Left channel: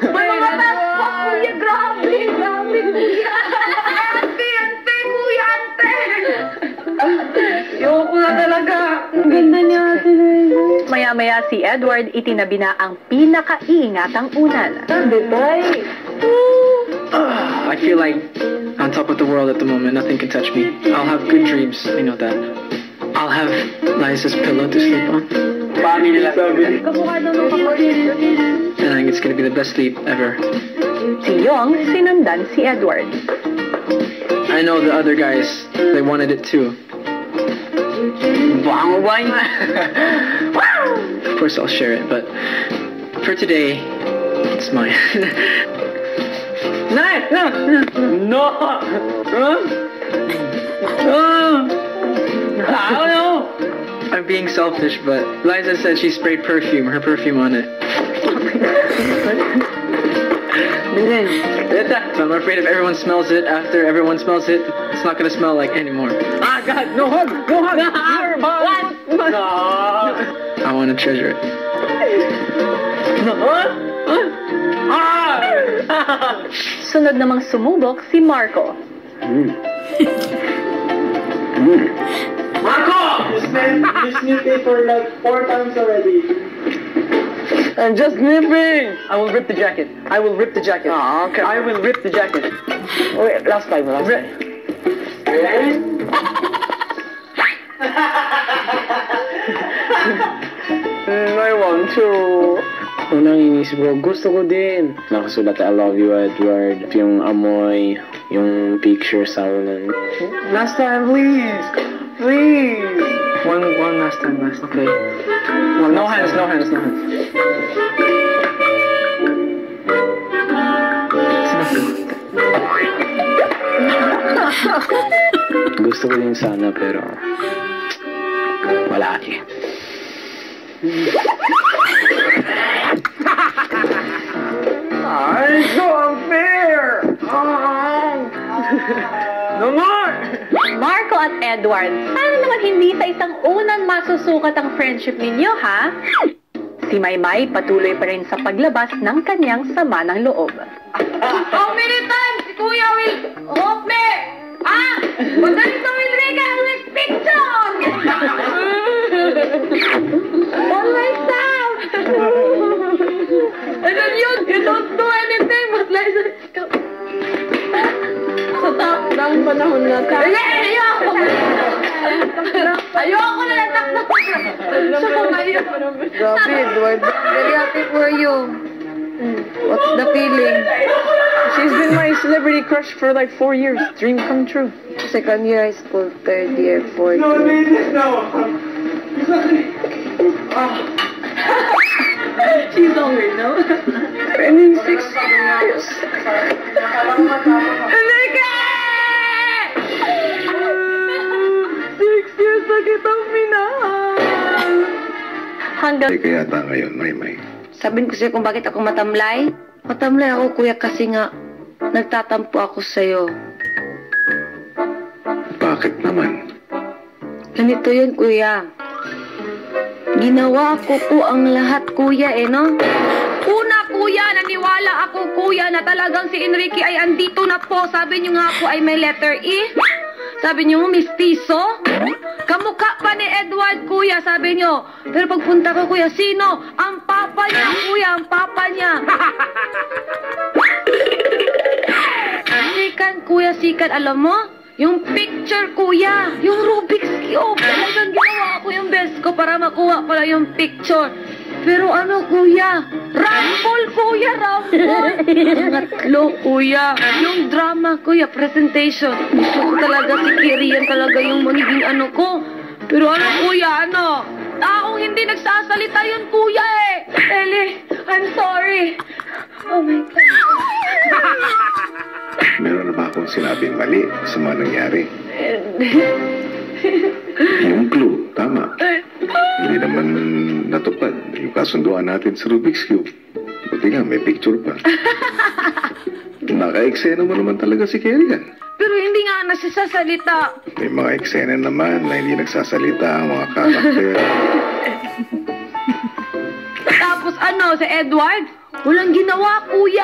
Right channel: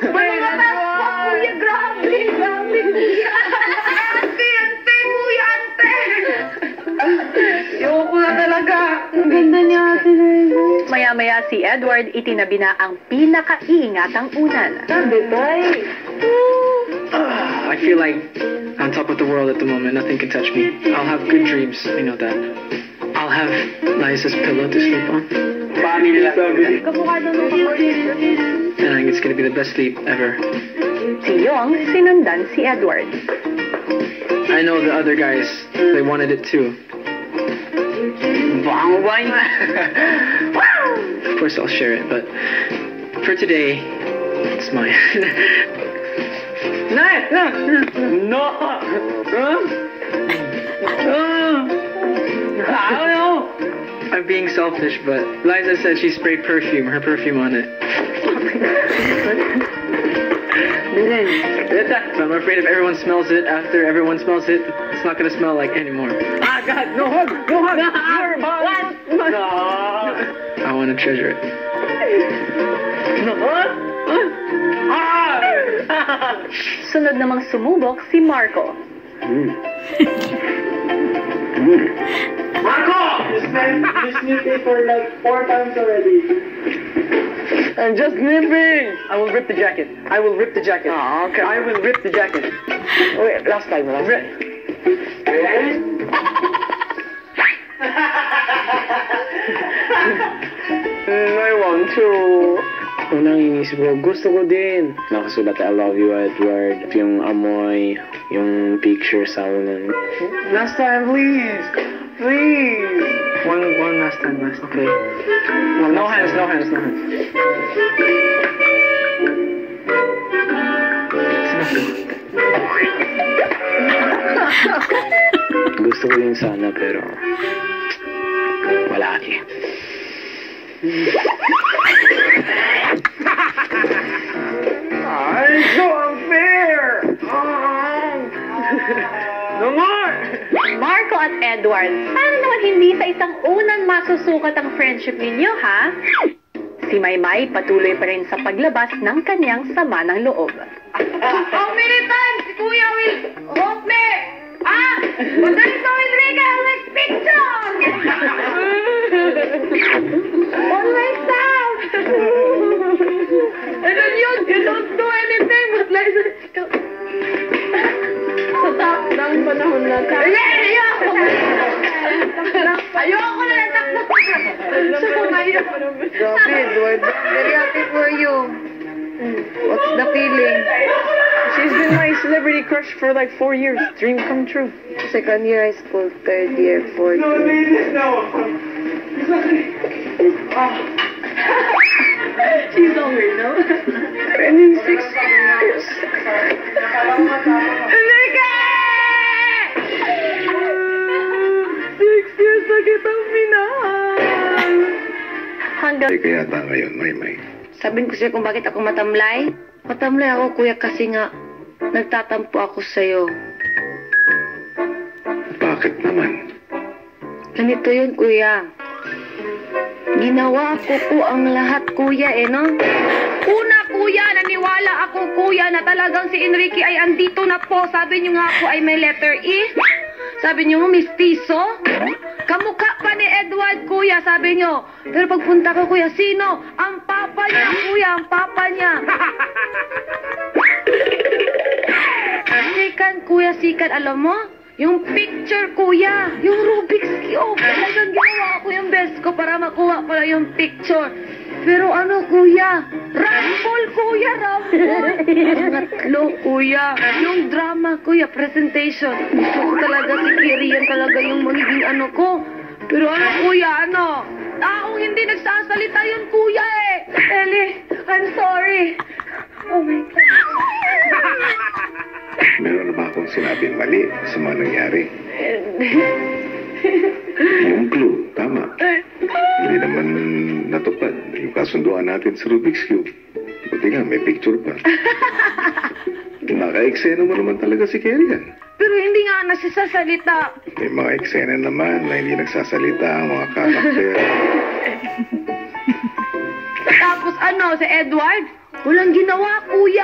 Mamatas pa, kuya. Grabe, kuya. Ante, kuya, ante. Ayoko na talaga. Ang ganda niya, ate. Maya-maya si Edward itinabi na ang pinaka-iingatang unan. I feel like on top of the world at the moment. Nothing can touch me. I'll have good dreams. I know that. I'll have Liza's pillow to sleep on. Kamukha daw ng kapatid. And I think it's gonna be the best sleep ever. Si Yong sinundan si Edward. I know the other guys, they wanted it too. Of course I'll share it, but for today, it's mine. No! I don't know. I'm being selfish, but Liza said she sprayed her perfume on it. So I'm afraid if everyone smells it, after everyone smells it, it's not gonna smell like anymore. Ah, God, no hug! No hug! Here, Mom! No. I want to treasure it. No. Sunod namang sumubok si Marco. Marco! You sniffed it for like 4 times already. I'm just sniffing! I will rip the jacket. Oh, okay. I will rip the jacket. Wait, last time. I want to. Unang inis bro, gusto ko din. Nakasulat I love you, Edward. Yung amoy, yung picture sa unan. Last time, please. Please. One last time, okay. No hands. Gusto ko din sana, pero wala eh. Ay, so unfair! No more! Marco at Edward, paano naman hindi sa isang unan masusukat ang friendship ninyo, ha? Si Maymay patuloy pa rin sa paglabas ng kanyang sama ng loob. How many times si Kuya will hope me? Ah! Madali sa Enrique, like picture! On myself! And then you don't do anything but like sa top ng panahon na ka. Ayoko na lang takot. Sa kumayo. Grabe, Edward. Very happy for you. What's the feeling? She's been my celebrity crush for like 4 years. Dream come true. Second year high school, third year, fourth year. She's hungry, no? And in 6 years. Enrique! 6 years na kitang minahal. Hanggang Kaya yata ngayon, Maymay. Sabihin ko sa'yo kung bakit ako matamlay. Matamlay ako, kuya, kasi nga nagtatampo ako sa'yo. Bakit naman? Ganito yun, kuya. Ginawa ko po ang lahat, kuya, no? Una, kuya, naniwala ako, kuya, na talagang si Enrique ay andito na po. Sabi niyo nga po ay may letter E. Sabi niyo, mistiso. Kamukha pa ni Edward, kuya, sabi niyo. Pero pagpunta ko, kuya, sino? Ang papa niya, kuya, ang papa niya. Sikan, kuya, sikan, alam mo? Yung picture, kuya. Yung Rubik's Cube. Talagang ginawa ko yung best ko para makuha pala yung picture. Pero ano, kuya? Rumble, kuya, rumble. Pangatlo, kuya. Yung drama, kuya, presentation. Gusto ko talaga si Kiri. Yan talaga yung magiging ano ko. Pero ano, kuya, ano? Akong hindi nagsasalita yun, kuya, eh. Ellie, I'm sorry. Oh, my God. Meron na ba akong sinabing mali sa mga nangyari? Yung clue, tama. Hindi naman natupad yung kasunduan natin sa Rubik's Cube. Buti nga, may picture pa. Naka-eksena mo naman talaga si Kerry yan. Pero hindi nga nasisasalita. May mga eksena naman na hindi nagsasalita ang mga karakter. Tapos ano, si Edward? Walang ginawa, kuya.